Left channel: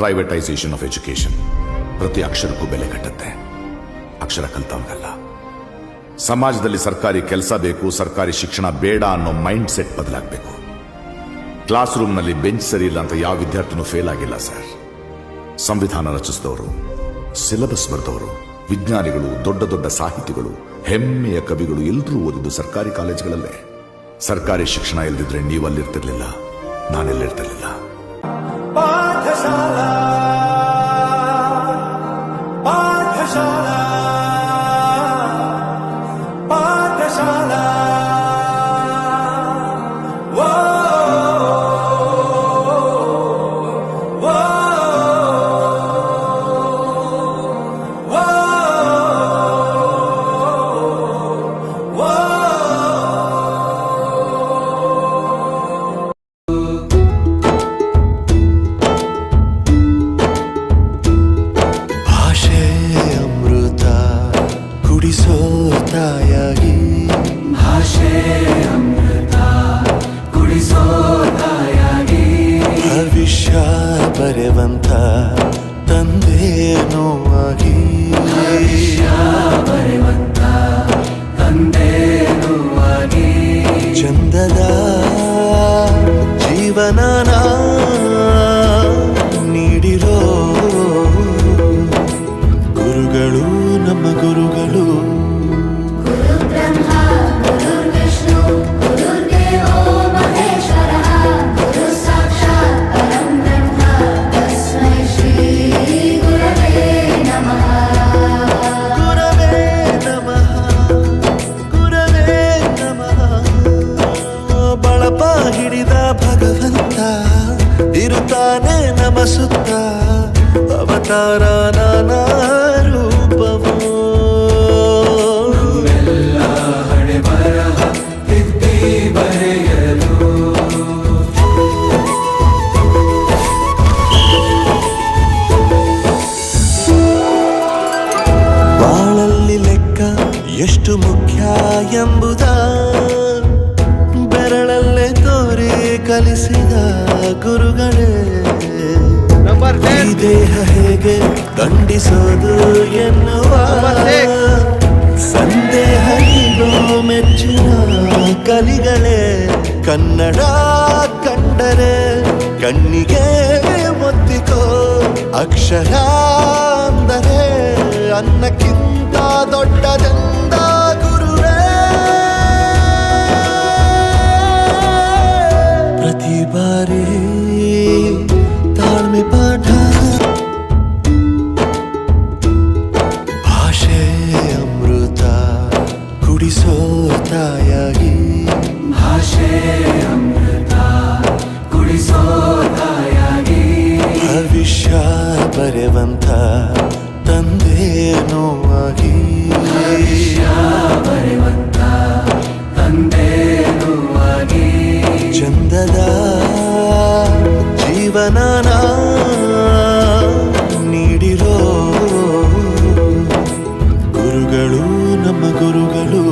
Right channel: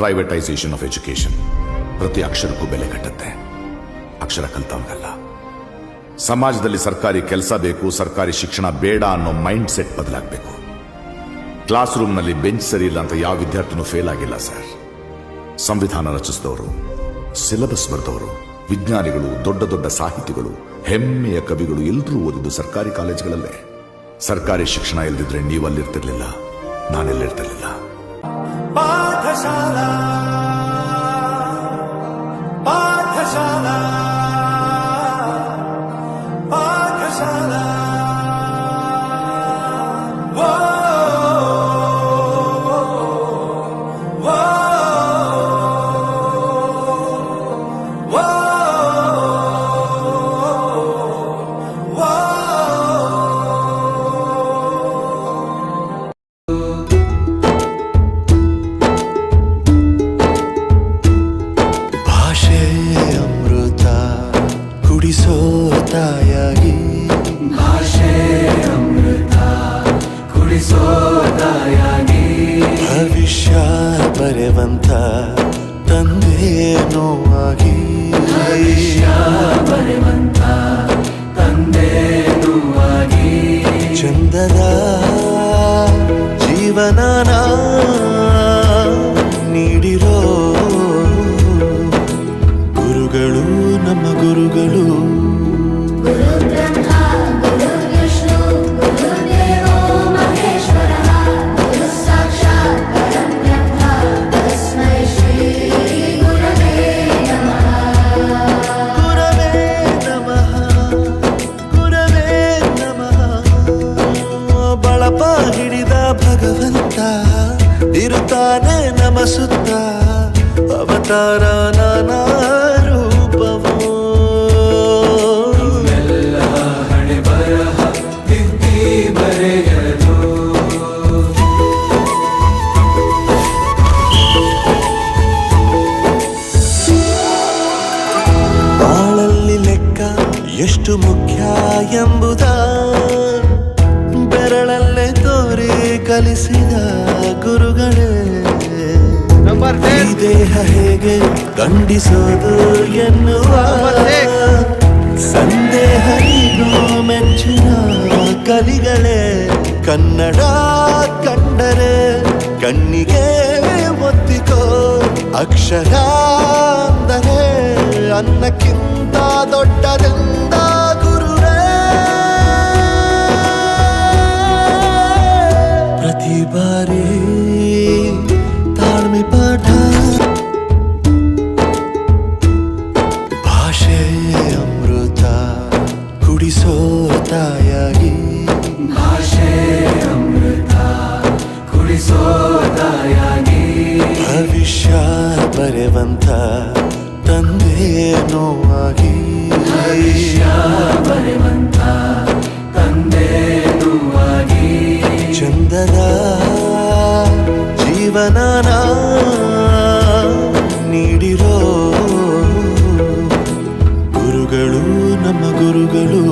Privatisation of education ಪ್ರತಿ ಅಕ್ಷರಕ್ಕೂ ಬೆಲೆ ಕಟ್ಟುತ್ತೆ. ಅಕ್ಷರ ಕಲ್ತವನಿಗಲ್ಲ. ಸಮಾಜದಲ್ಲಿ ಸರ್ಕಾರಿ ಕೆಲಸ ಬೇಕು, ಸರ್ಕಾರಿ ಶಿಕ್ಷಣ ಬೇಡ ಅನ್ನೋ ಮೈಂಡ್ ಸೆಟ್ ಬದಲಾಗಬೇಕು. ಕ್ಲಾಸ್ ರೂಮ್ನಲ್ಲಿ ಬೆಂಚ್ ಸರಿ ಇಲ್ಲ ಅಂತ ಯಾವ ವಿದ್ಯಾರ್ಥಿನೂ ಫೇಲ್ ಆಗಿಲ್ಲ ಸರ್. ಸಂವಿಧಾನ ರಚಿಸಿದವರು, ಸಿಲೆಬಸ್ ಬರೆದವರು, ವಿಜ್ಞಾನಿಗಳು, ದೊಡ್ಡ ದೊಡ್ಡ ಸಾಹಿತಿಗಳು, ಹೆಮ್ಮೆಯ ಕವಿಗಳು ಎಲ್ಲರೂ ಓದಿದ್ದು ಸರ್ಕಾರಿ ಕಾಲೇಜುಗಳಲ್ಲೇ. ಸರ್ಕಾರಿ ಶಿಕ್ಷಣ ಇಲ್ಲದಿದ್ರೆ ನೀವು ಅಲ್ಲಿರ್ತಿರ್ಲಿಲ್ಲ, ನಾನೆಲ್ಲಿರ್ತಿರ್ಲಿಲ್ಲ. ಕುಡಿಸೋ ತಾಯಾಗಿ ಭಾಷೆ ಅಮೃತ ಕುಡಿಸೋ ತಾಯಾಗಿ ಭವಿಷ್ಯ ಬರೆವಂತ ತಂದೇನೋ ಆಗಿ ಬರೆವಂತ ತಂದೇನೋ ಆಗಿ ಚಂದದ ಜೀವನನ ನೀಡಿರೋ ಗುರುಗಳು ನಮ್ಮ ಗುರುಗಳು. ಗುರವೇ ನಮಃ ಗುರವೇ ನಮಃ. ಬಳಪ ಹಿಡಿದ ಭಗವಂತ ಇರುತ್ತಾನೆ ನಮ ಸುತ್ತ. ಅವತಾರ ನಾನಾ ರೂಪವೋ ಹಣೆ ಬರಹ ತಿದ್ದಿ ಬರೆಯಲು. ಬಾಳಲ್ಲಿ ಲೆಕ್ಕ ಎಷ್ಟು ಮುಖ್ಯ ಎಂಬುದ ಬೆರಳಲ್ಲೇ ತೋರಿ ಕಲಿಸಿದ ಗುರುಗಳೇ. ಈ ದೇಹ ಹೇಗೆ ದಂಡಿಸೋದು ಎನ್ನುವ ಸಂದೇಹನಿಗೂ ಮೆಚ್ಚಿನ ಕಲಿಗಳೇ. ಕನ್ನಡ ಕಂಡರೆ ಕಣ್ಣಿಗೆ ಒತ್ತಿಕೋ. ಅಕ್ಷರ ಅಂದರೆ ಅನ್ನಕ್ಕಿಂತ ದೊಡ್ಡದೆಂದ ಗುರುವೇ. ಪ್ರತಿ ಬಾರಿ ತಾಳ್ಮೆ ಪಾಠ. ಭಾಷೆ ಅಮೃತ ಕುಡಿಸೋ ತಾಯಾಗಿ ಭಾಷೆ ಅಮೃತ ಕುಡಿಸೋ ತಾಯಾಗಿ ಭವಿಷ್ಯ ಬರೆವಂತ ತಂದೇನೋ ಆಗಿ ಬರೆವಂತ ತಂದೇನೋ ಆಗಿ ಚಂದದ ಜೀವನನ ನೀಡಿರೋ ಗುರುಗಳು ನಮ್ಮ ಗುರುಗಳು.